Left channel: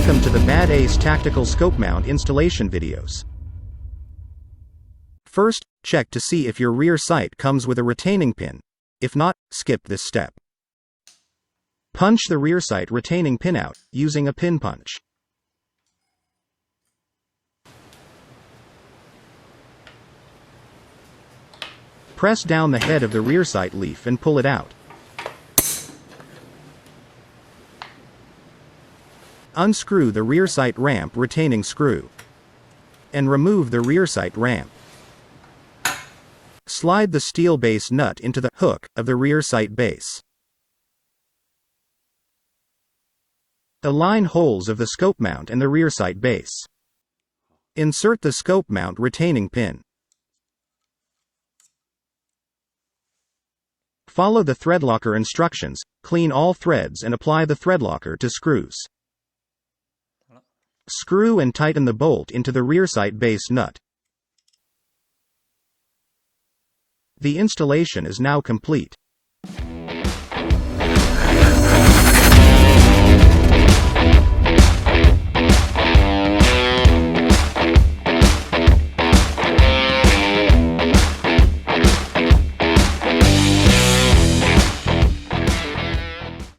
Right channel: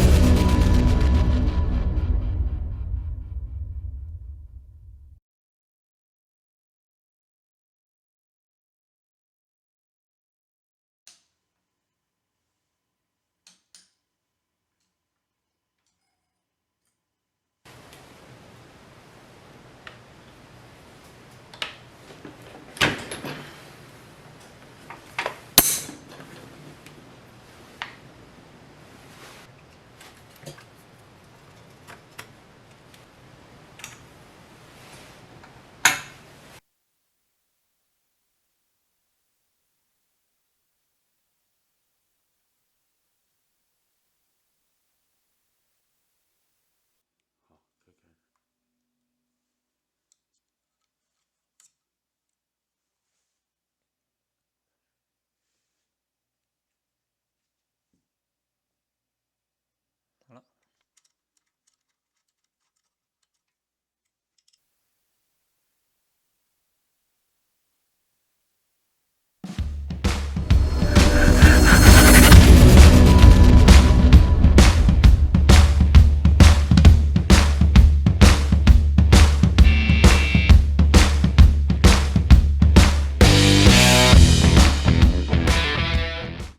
Welcome to the BadAce Tactical Scope Mount installation videos. First, check to see if your rear sight comes with a retaining pin. If not, skip this step. Punch the rear sight retaining pin out, using a pin punch. Press down the head of the rear sight leaf and pull it out. Unscrew the rear sight ramp retaining screw. And remove the rear sight ramp. Slide the steel base nut into the hook of the rear sight base. Align holes of the scope mount and the rear sight base. Insert the scope mount retaining pin. Follow the thread locker instructions, clean all threads and apply the thread locker to screws. Screw and tighten the bolt into the rear sight base nut. The installation is now complete.